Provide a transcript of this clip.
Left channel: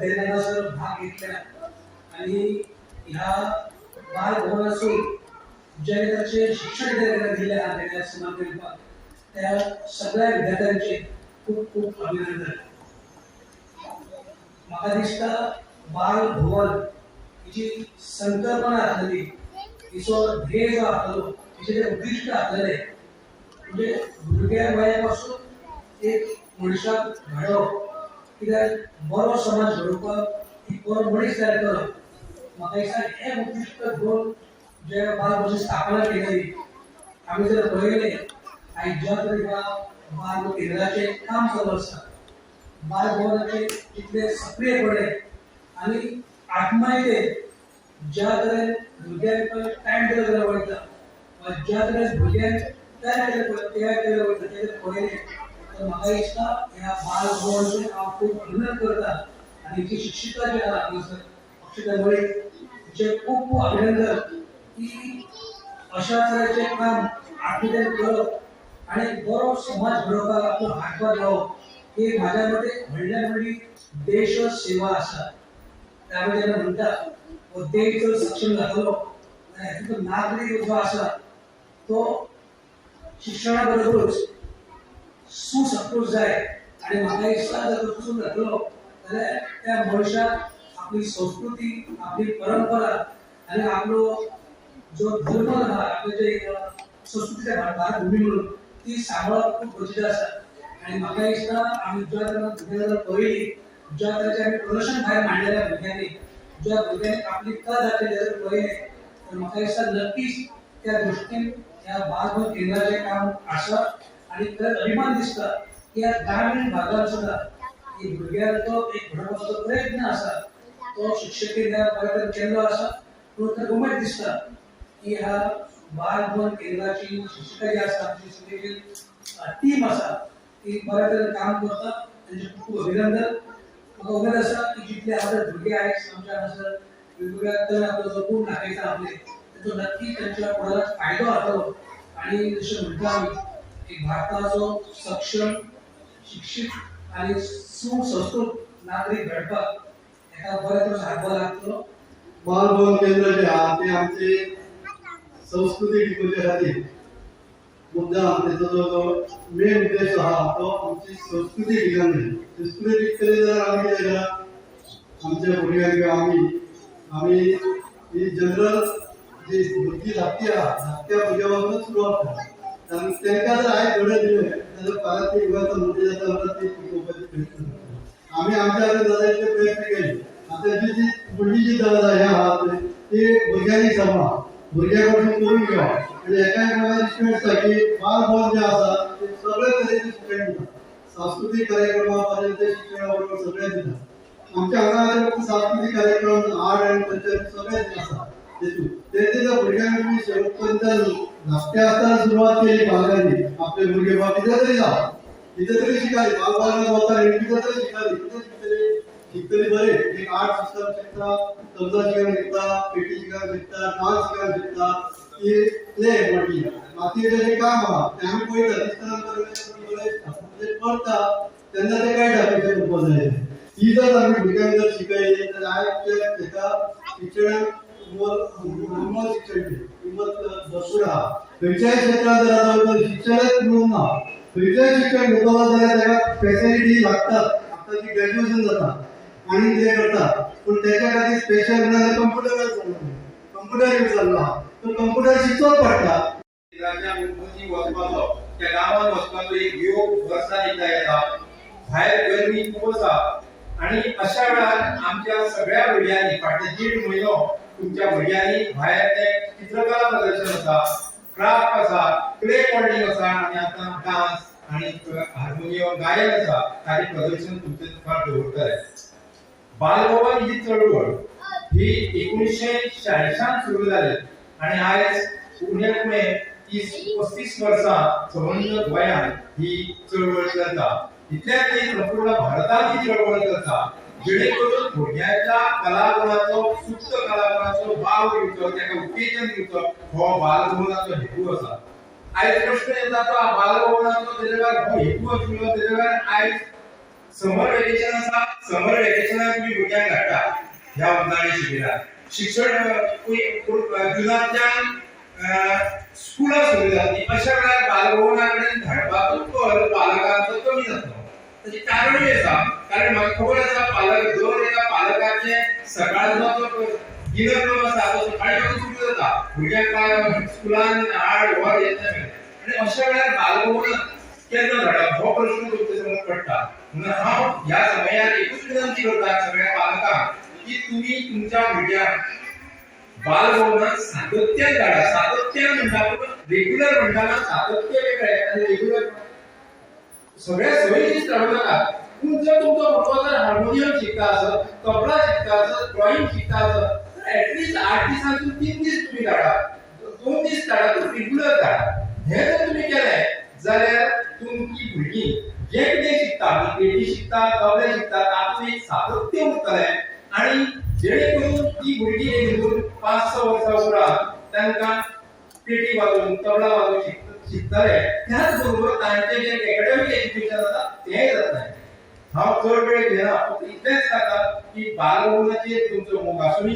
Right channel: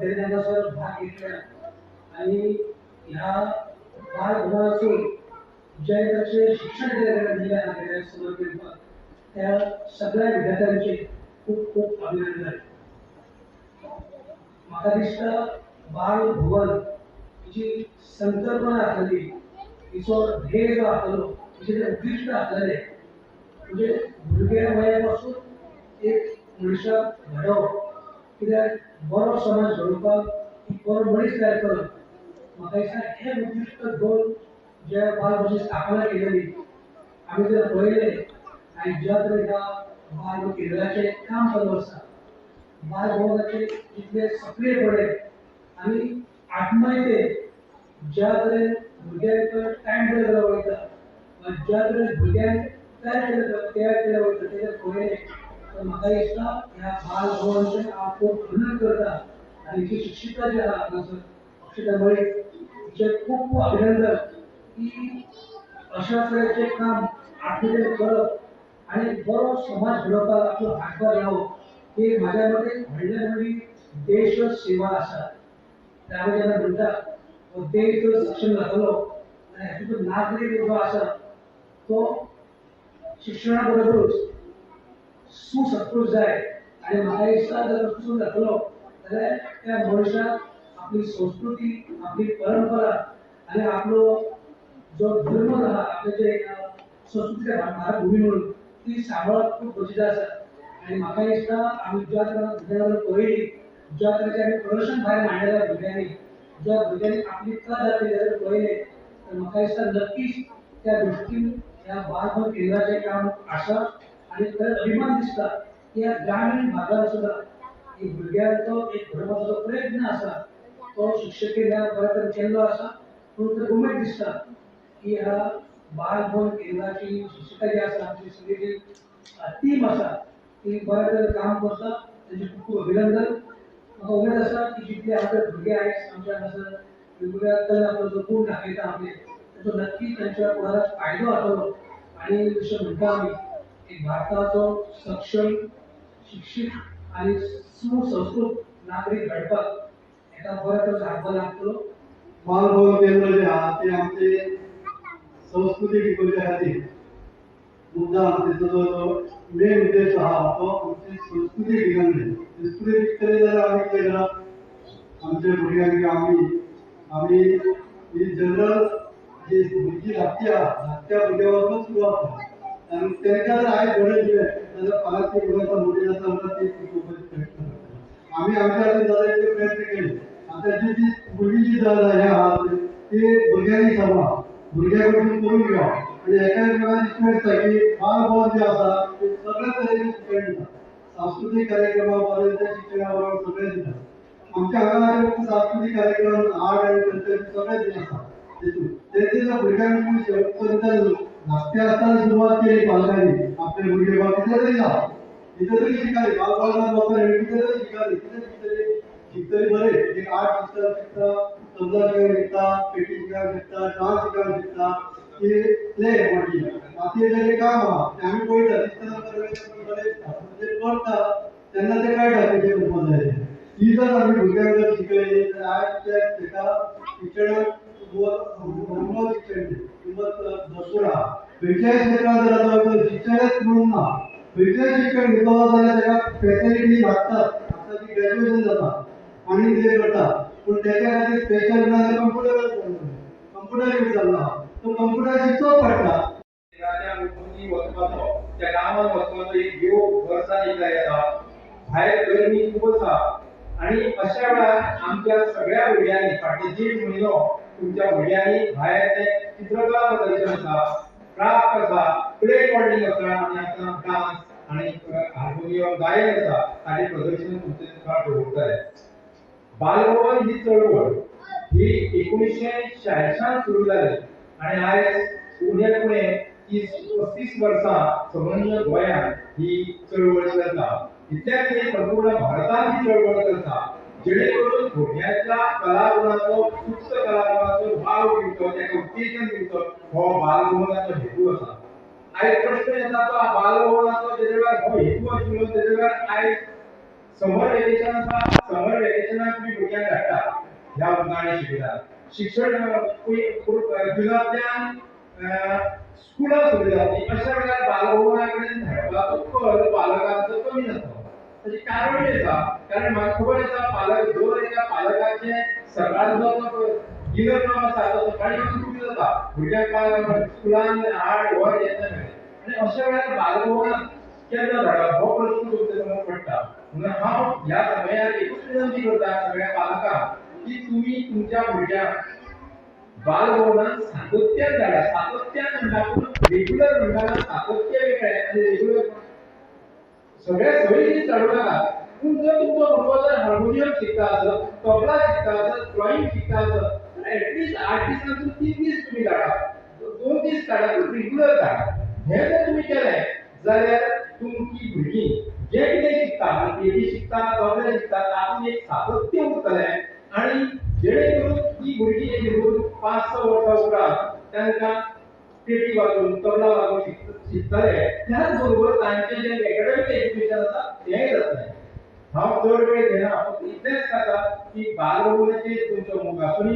विद्यार्थ्यांना सर भाग घेतला आणि ह्या बालभवनातून ज्या शिक्षण दिल्या गेल्या समर्पित त्या सगळ्या विद्यार्थ्यांचे खूप खूप अभिनंदन. म्हाका दिसता बालभवन हिची संकल्पना आसलेली, हिचो ध्येय जो आसलो, हिचे उद्दिष्ट आसलेले म्हणजे भुरग्या वया पासून एक मनशाक घडोवप, कित्याक बरो समाज घडोवपाक एक बरो मनीस तयार करप. म्हाका दिसता हें उद्दिष्ट घेवन जे बालभवनाची स्थापना केलेली. आमी जर पळयलें आयज ज्या तरेन बाल केंद्राचें काम चालू आसा, बालभवनाचे जितले सक्रियपणे आनी आत्मायेन ज्या तरेन भुरग्यांक टायम दिलो गेलो वयता, वा ज्या तरेन भुरग्यांक तयार केलें वयता तें पळयलें तर म्हाका दिसता ह्या बालभवनाचें हांव खूब अभिनंदन करता. आनी जी शिक्षिका जी आहा हांगासर अक्षता मळी, हिचें खूब खूब अभिनंदन की अशा तरेचें काम आपल्यान करप आनी बरो समाज घडोवपाक आपलो हातभार लावप ही म्हाज्या मते व्हडल्यान व्हडली देश सेवा आसा. आमी जेन्ना म्हणटा हो देश जर सक्षम जातलो जाल्यार हातूंतलो नागरीक जो आसा तो शिक्षणा बरोबरूच सुसंस्कृत जाय. आनी म्हाका दिसता जर तसो जातलो जाल्यार त्या मनशाक आपली संस्कृती, आपली परंपरा आनी आपलो जो धर्म आहा, आपले जे संस्कृतीचे भारत भूमी म्हणून ती सांबाळप खूब गरजेचें आसा. आनी म्हाका दिसता आमी ज्या तरेन भुरग्यांना पळयली, ज्या तरेचें आमी प्रदर्शन भायर मांडलेल्या भुरग्यांनी, ज्या भुरग्यांनी आपली कला दाखयली जर पळयलें तर म्हाका दिसता नक्कीच त्या दृश्टीन ह्या बालभवन केंद्राचें काम आसा. आनी खरेंच अभिमान दिसता की ह्या ग्रामीण भागांत सुद्दां ही भुरग्यांचो एक घडोवपाचो प्रयत्न आसा तो शिक्षकेन ह्या बऱ्या तरेन केल्लो आसा. पूण तर उमेद दिसता की ह्या बालभवन केंद्राची शिक्षिका जी आसा, आमची सगळी जी टीम आसा ती बऱ्या तरेन काम करता. तांचे खूब खूब अभिनंदन. म्हाका उमेद आसा की जितले आपले भुरगे आयज आमच्या हांगासर वेगवेगळ्या तरेन आपलो जो गुण दाखयता आपले, ताचो नक्कीच तांच्या फुडाराक फायदो जातलो. आनी जशें म्हणटा आमी एक भारताचो सक्षम, शिक्षीत आनी सुसंस्कृत नागरीक घडपाक एका बऱ्या तरेचो हातभार लागतलो. बालभवन केंद्र जे आहा ते आमचे संस्कृती टिकोवचे खातीर मुद्दाम तेचो जो मेन उद्देश आहा तो आमची संस्कृती टिकूंक जाय. संस्कृती टिकतली जाल्यार आमी कितें करप, आमच्या भुरग्यांक आमी ही जनरल जी भुरगीं धाकटी आहा धाकट्या भुरग्यां पासून सुरवात करप. तांकां जर आयज घडोवन दिलें जाल्यार फाल्यां ती गोंयचा मोठी जाता म्हणटा ती टिकोवपाचे प्रयत्न करता. आमी आमच्या खातीर जाता तितले प्रयत्न केले. आतां जी फुडली जी हें आहा ती भुरग्यांनी सांबाळा, भुरग्यां कडसून करून घेवप. आनी एका प्रकारे दिसता दिसता की बालभवन जें आसा ते सगळे तरेचे शिक्षण दिता. सांस्कृतीक कार्यक्रमा पर्यंत शिक्षणा बरोबर सगळे दिता. आमच्या हांगा फक्त सांस्कृतीक कार्यक्रम आर्ट एंड कल्चर सगळे दिन आसा तेतून तेचे जर भुरग्यांक शेवटपर्यंत धाकटे आसतना सुरवात केली पालकांनी आपले भुरगे बाबा कितें तरी जावं, कितें तरी शिकाली, बालभवनांत वताली कितें तरी शिकाली, कितें शिकतली बरें. एक आर्ट सिस्टम शिकता, तबला शिकायला शिकता, पेटी शिकायला शिकता, डान्स शिकायला शिकता, की प्ले मोठी बाकीचे जे काम आहा ते आमी पळयता दिसतना बरें म्हणजे करता तेन्ना ते कळटा कशें करपाक जाय. ही जर आमी भुरग्यांक जर शिकयली जाल्यार आयजच्या हेका शिक्षणाक मोल शिक्षण किंमत भरपूर आहा. खंयच्याय क्षेत्रांत जर आतां शिक्षणच म्हणून ना, खंयचेंय शिक्षण घेतलो जाल्यार ताका फॅसिलिटी लागतात. आतां जी ग्रॅज्युएशन जाता आनी कितें करता पूण तेच्या खातीर स्पेशल म्हणल्यार कंप्युटर यूज जाल्लो आहा. तो कंप्युटर शिकचोच पडटा. वचपाचो त्या गांवांत वचपाचो एक योग वर्सान एकदा येता. भायर गरमी खूप आसा आणि अशा वेळार आमच्या सगळ्या भुरग्यांनी फाटले 1.5 म्हयनो तुमच्या भुरग्यांनी भायर ते चित्रकला प्रदर्शन आसा, क्राफ्ट आसा, क्ले मॉडेलिंग आसा आणि आता डान्स आणि हार्मोनियम गायन आसा ताचे प्रदर्शन तुमचे मुखार दवरतले. बालभवन ही चळवळ ही 1946 सुरू जाली आणि आयज उणे उणे 35 वर्सां संबंध गोंयांत ही चळवळ चलता. इतल्याच न्ही संपूर्ण भारतांत ही चळवळ चलता, जेणे करून भुरग्यांच्या कलागुणाचो सुप्त कलागुणाचो वाव दिवचो, ताका उत्तेजन दिवचो हो बालभवनाचो हेतू आसा. आयज प्रश्न येता तो बालभवनाचो तेजे वेळार हो हेतू आशिल्लो, तेजे वेळार आयज समर वेकेशन आसा, समर वेकेशनाक तुम्ही भुरग्यांक धाडटा ह्या उन्हाळी शिबिरात. शिक्षण जुनांतल्यान स्कुलां सुरू जातली, अशा वेळार बालभवना कडेन धाडपाचो कल पालकांचो कमी जातलो. ताचें कारणूय आसा, कारण म्हाका खबर आसा पालक दर एका पालकाचे सकाळचो जो दिनक्रम आसा तो सकाळी वचून सुरू जाता, भुरग्यांक स्कुलान हाड व्हर येता आणि अशा वेळार बालभवनाक केन्ना धाडप हो प्रश्न तुमच्या समोर पडटा. म्हणून हांव ह्या समयार एकूच विनंती करता सगळ्या पालकांक की तुम्ही तुमच्या भुरग्यांक बालभवनात सातत्यान धाडा. सातत्यान म्हणटा पूण रेग्युलर म्हणटाना सातत्य वेगळें आनी रेग्युलर सगळे सवयींनीच धाडूं नाका. पूण जर तुमचो भुरगो जर हार्मोनियम शिकता आसत, तबला शिकता आसत, ड्रॉइंग शिकता आसत तर ऍटलीस्ट 8 दिसांतून 3 दीस तुम्ही धाडा, 2 दीस धाडा, पूण रेग्युलर धाडा. हे जर तुम्ही केलें जाल्यार तुमची भुरगीं जे कितें शिकता, पेटी शिकता, तबले शिकता, तातूंत एक सातत्य उरतलें आणि जेणे करून ती भुरगीं येवन 5-6 वर्सां उपरांत तांकां पेटी वाजोवन तबला वाजोवन शिकतले. त्याच बरोबर तांचें जें एकाडेमीक एज्युकेशन आसा तेंय जातलें. हांव चड वेळ घेना, फक्त इतलेंच सांगता की बालभवनाचेर तुमचो मोग आसूं.